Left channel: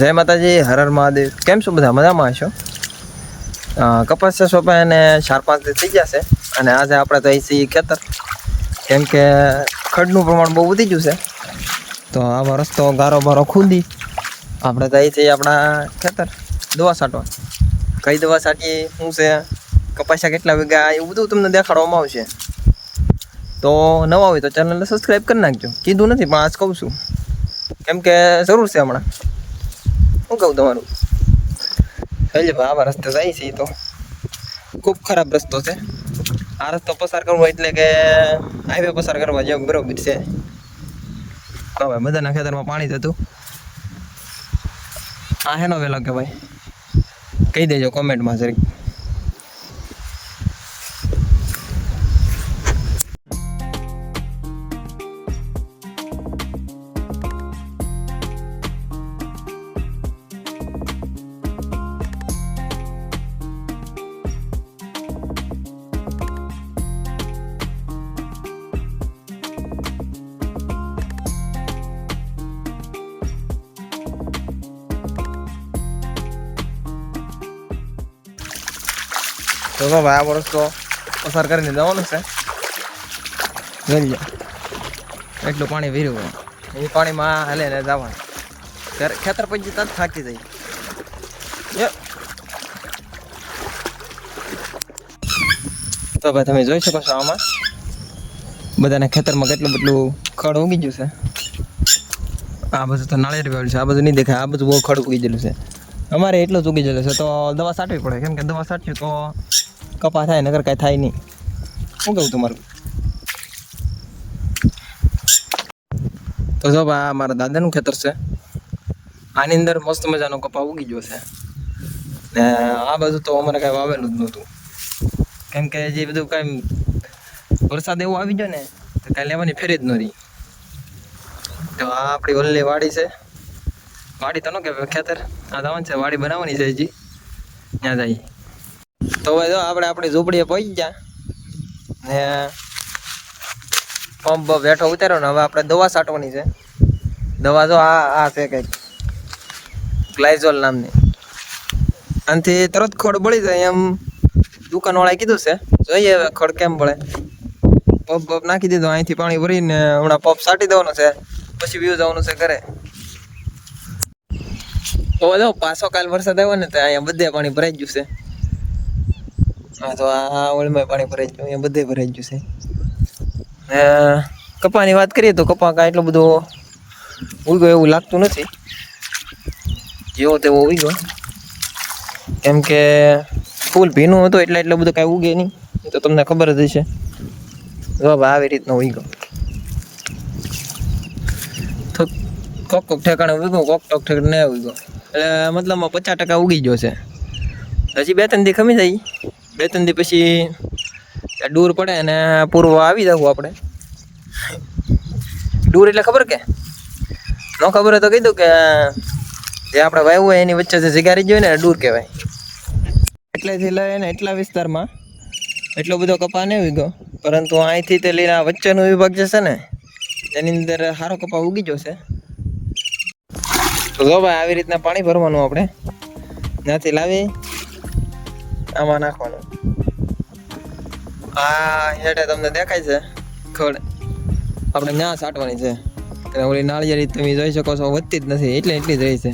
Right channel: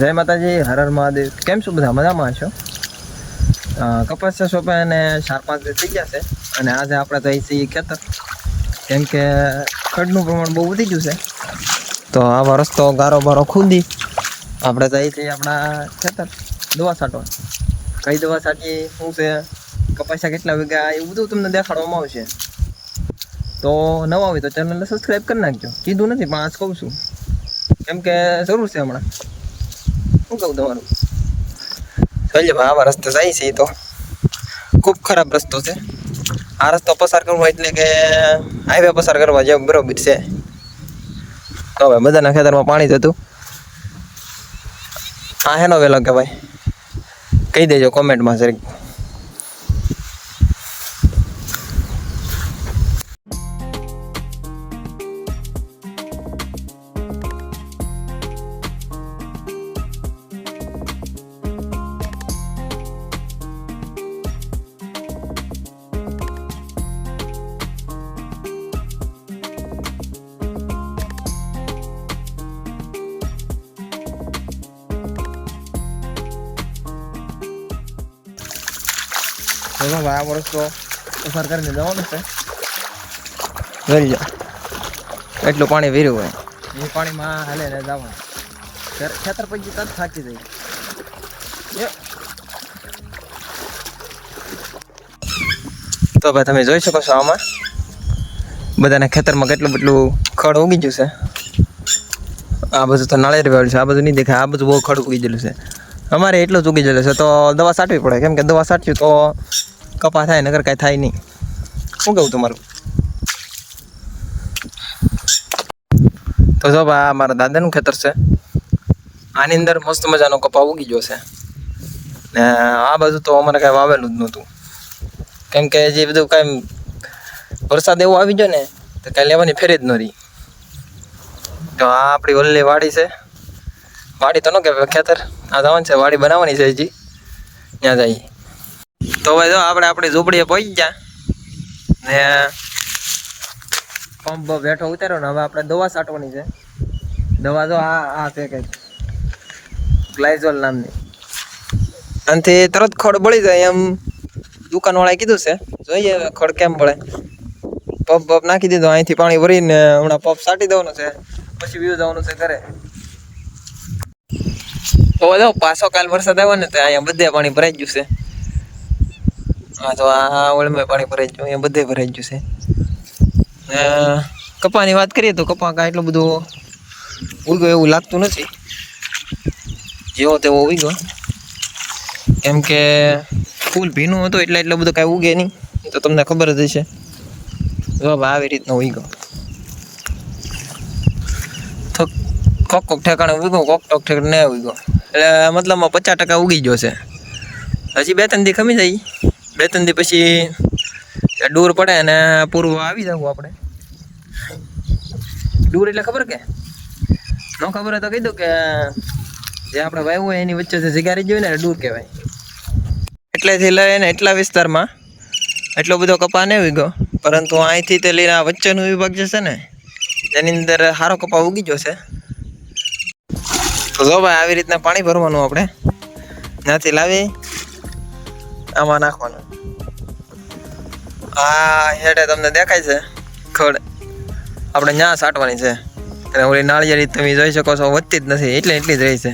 જય માતાજી, હર હર મહાદેવ. કેમ છો બધા? મજામાં હશો? કપાસ સોંપાઈને 4-5 દિવસ થઈ ગયા છે અને આજે આપણે તો છીએ ખેતર, કેમ કે ખડનું પ્રમાણ બહુ વધી ગયું છે. તો આવા રસ્તો ગારો બારો ખુદી આપણે તો છીએ આપણા ખેતર દવા છાંટવા. કઈ દવા છાંટીએ, શું છે, કપાસિયા કેટલા વીઘા, એવું બધું તમને દેખાડવામાં આવશે. તો નવા હોય તો ચેનલને સબસ્ક્રાઈબ કરી નાખજો. કીધું નથી પણ આજ કહું છું, કેમ કે જરૂર છે હમણાં. શું કહું તમારું? જોઈએ ભાઈ, આવા રસ્તે જાય છે તો ખૂબ ખરાબ રસ્તો છે. આ રસ્તો પસાર કરવો એટલે કે હાઈવે પસાર કરવા જેવું બરોબર છે. તો ભાઈ બધાના ખેતરમાં પાણી જ હતું. આ હેનો વેલો કે ભાઈ કહી દેજો કોમેન્ટમાં જરીક. તો ભાઈ આ વર્ષ તો પસાર કરીને જવાનું છે. જોઈ જાઓ એટલું પાણી વીર્યું હોય, એ પાણીમાં હાલે ને જવાનું. ખેતર પછી તરત થાકી જાય. તો ભાઈ તમે જોઈ શકો છો, આમાં બધાના ખેતરમાં કેટલું બધું ખડ ઉગી ગયું છે. આ બધું તો નાળિયેર વાળું છે, આ બધું નહીં દેખાય. આ બધું બહુ ખડ ઉગી ગયેલું છે. અમારે એટલું જ ઉગી ગયેલું છે, તો દવા છાંટવી પડે, કેમ કે દવા છાંટ્યું તો કપા થાય, નગર કાંઈ થાય નહીં. શું કહું તમારું? તો જો ભાઈ મારા દાદાનું ખેતર છે. આની અંદર મસ્ત મજાનો કપા ઉગી ગયો છે ને આ બધું તો અમારે કાંઈ વાવેલું જ નહોતું, કેમ કે જે બધું કાંઈ વરસાદ એવો આવી ગયો ને તો કાંઈ લેવાની ફેરી જ ન રહી. તો આ આપણી ઓલી વાડી છે. વાડી તો ન કહેવાય, ખેતર. આ જવાનું છે, વાડી બનાવવાની છે હજી, ત્યાં જઈએ. તો ભાઈ જો આપણે આપણી ઝૂંપડીએ પહોંચી ગયા ને પંપ બેઠો ઉતાર્યો ને હવે આપણે દવા છાંટવાની છે. દવા જો આ છે કંઈક ગ્લાયઝોલ નામની. આનાથી તરત ખડ બળી જાય એમ દુકાનવાળાએ કીધું છે. જોઈએ હવે ખડ કેમ બળે. પંપ નાખી દીધો, અહીંથી પાણી ભરીને હમણાં પંપ છાંટી દેવાનો છે, પછી વ્યૂ જવાનું છે ઘરે. તો જો પાછો કાલ વરસાદ આવ્યો ને તો અહીંયા બધે પાણી ભરાઈ ગયું છે. હા તો આ ઓળમાં પાણી ભરાઈ ગયું, અહીંયા બધે ભરાઈ ગયું છે. કપાની વાત કરીએ તો કપા કાંઈ એટલું બધું ઉગ્યો એવું લાગતું નથી, જેવો તેવો ઉગ્યો. કેમ કે ફૂલ ભીનું હતું એટલે એટલું બધું કાંઈ ઉગે નહીં, એ તો તમને ખબર જ હશે. જો આવી રીતનો ઉગ્યો. તો કોક ઠેકાણે ઉગ્યો, કોક ઠેકાણે ન ઉગ્યો. એટલે મતલબમાં 50% ઉગી ગયો છે. હજી 2-3 દી ખમી જાય, 2-3 દી પછી ડૂર પડે અને પૂર્વ આવી જવું આપણે. ડૂર એટલે ખબર કે ન ખબર હોય તો કહી દઉં કે જે આપણે વાવ્યું હોય એની વચ્ચે જે જગ્યા રહી જાય ને ડૂર કહેવાય. એટલેથી લઈને એટલા વિસ્તારમાં એટલો બધો કપા નહીં ઉગ્યો, પરંતુ અહીંથી તે લઈને આ વચ્ચેનો વિભાગ જે છે ને એની અંદર સારો કપા ઉગી જશે. તો જો ભાઈ આવી રીતના પાણી ભરવાનું, આપણે ત્યાંથી લાવી આમાં નાખવાનું. આ હેઠે તમને દેખાય છે ખડ, આપણે ત્યાં છાંટવાની છે. અને ઓલી નાળિયેરી તમે જોઈ શકો છો, વધતી જ નથી, એટલી જ રહી છે.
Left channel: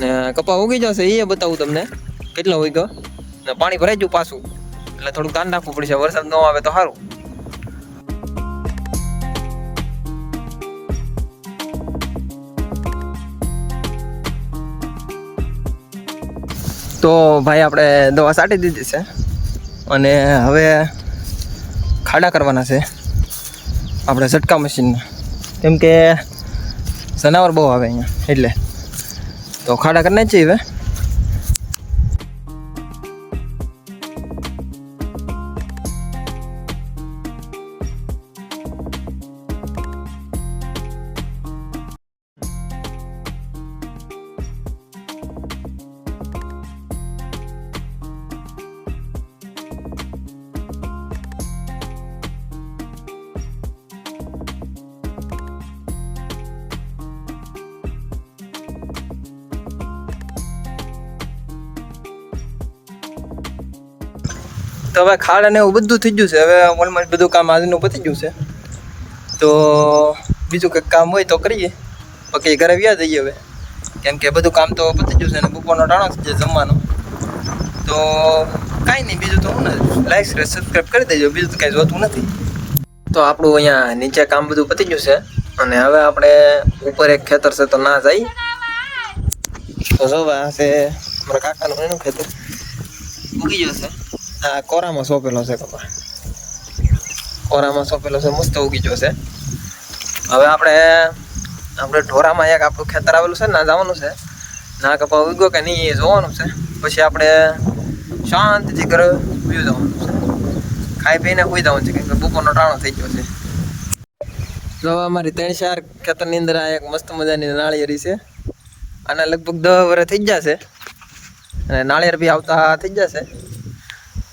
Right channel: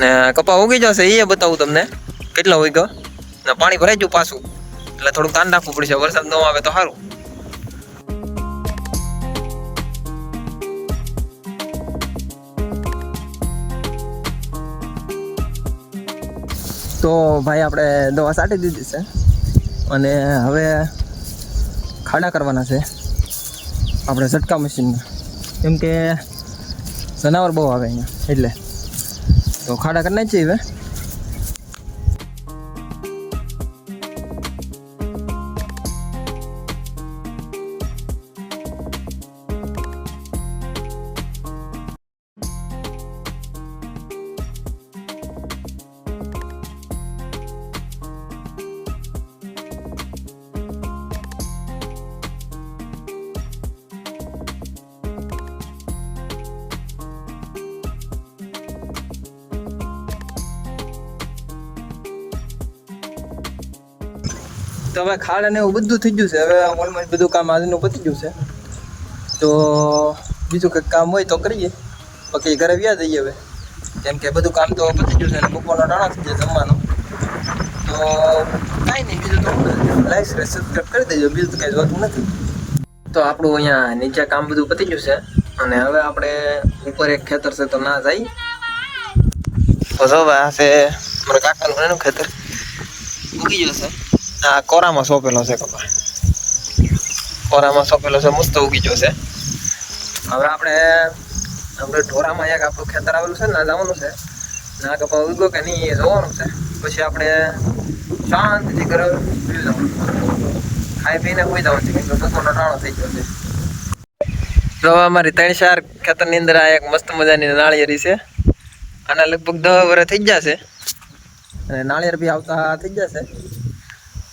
ને કપા ઉગી જશે એ બતાવું તમને કેટલો ઉગ્યો. ને પાણી ભરાઈ ગયું પાછું, એટલે થોડુંક ધ્યાન રાખવું પડશે. વરસાદ ન આવે તો સારું. તો ભાઈ આપણે દવા છાંટી દીધી છે અને હવે ખાડા કરવાના છે આપણે ઝટકા મશીનમાં, કેમ કે જનાવર બહુ આવે અહીંયા, એટલે તો ખાડા કરી નાખીએ હવે. તો હવે ખાડ અને એવું બધું થઈ ગયું છે. હવે ઓલમોસ્ટ બધું કામ આજનું પતી ગયું છે. તો બીજું કંઈક કામ હોય તો કરીએ, બાકી ઘરે વ્યા જઈએ હવે, કેમ કે બધું કામ તો પતી ગયું છે અને બપોરનો ટાણો છે જમવાનો. તો કાંઈ નહીં, બીજું તો હું નથી, લાઈક શેર સબસ્ક્રાઈબ કરી દેજો, બીજું તો કાંઈ જોતું નથી. તો આપણું અહીંયા નીચે કામ બધું પતી ગયું છે અને હવે આપણે ઉપર એક ખેતર છે તો ના જાય. તો જો આ છે મારા કાકાનું એનું ખેતર ઉગી ગયો છે. આ કોરામાં સોંપેલો છે કપા, કોરામાં સોંપેલો છે, મસ્ત ઉગી ગયો છે. હવે આપણે ઢોરામાં એક આપણું ખેતર આવેલું છે ને, ના જવાનું છે, ના કપા ઉગ્યો કે નહીં એ જોવાનું છે. પછી આપણે શાંતિથી ઘરે પી જવાનું છે, ખાઈ પીને સુઈ જવાનું છે, કેમ કે બપોરનો ટાણો થઈ ગયો છે. તો અમારી 3-4 ખેતરની અંદર આ એક મસ્ત મજાની નાળિયેરી છે. આના લગભગ 10 વર્ષ થઈ જશે અને નાળિયેર બી આવતા થઈ જશે.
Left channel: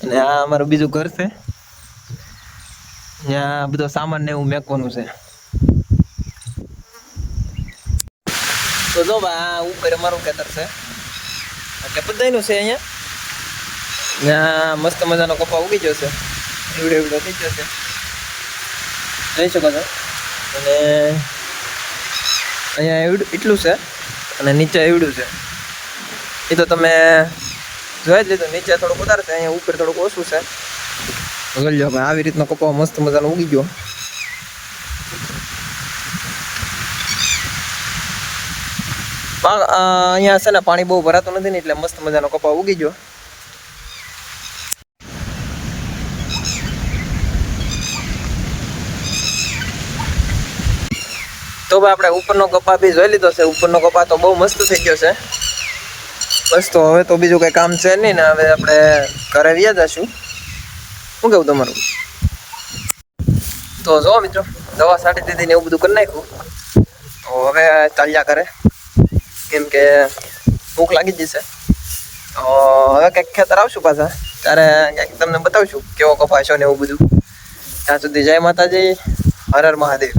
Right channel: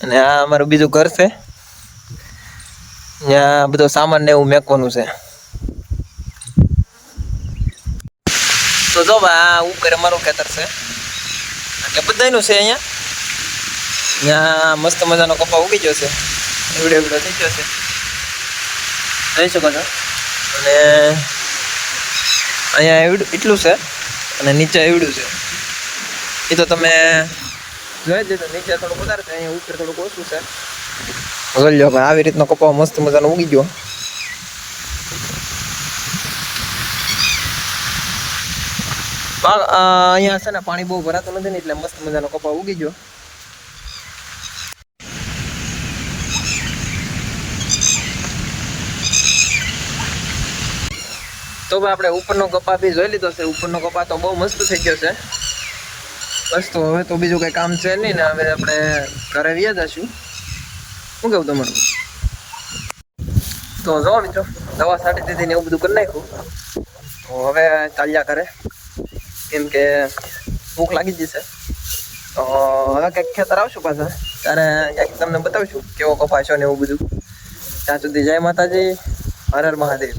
અને આ અમારું બીજું ઘર છે, ત્યાં બધો સામાન ને એવું મેકવાનું છે. તો જો આ ઉપર અમારું ખેતર છે, એટલે બધાયનું છે. અહીંયા ત્યાં મસ્ત મજાનો કપા ઉગી ગયો છે, એવડો થઈ ગયો છે, જોઈ શકો છો. અને અહીંયા એટલું છે અને નીચે એવડું છે, એ તો તમે જોઈ જ લીધું. નીચે થોડુંક વધારે છે, અહીંયા ઉપર થોડુંક ઓછું છે. જોઈ લો, આવી રીતનો કપા મસ્ત મજાનો ઉગી ગયો. અહીંયા છે ને પાણી બહુ ભરાતું નથી ને, એટલે મસ્ત મજાનો કપા ઉગી ગયો. તો ભાઈ આપણે ઉપરનો કપા બી જોઈ લીધો છે. ઉપરનો કપા તો બહુ મસ્ત થઈ ગયો છે. બસ તો હવે તો બીજું કંઈ કામ છે નહીં ને, હવે આપણે ઘરે વ્યા જશું. શું કેવું તમારું? તો જો મિત્રો, દવા છાંટી દીધી ને એવું બધું કરી નાખ્યું. તો હવે ચાલ્યા કરે, કેમ કે ભૂખ લાગી જશે. તો હવે કંઈક ખેતર આવશું પાછા, ત્યારે કંઈક તમને બતાવશું કેવો કપાસ છે ને એવું બધું. ત્યાં સુધી જય માતાજી, હર હર મહાદેવ.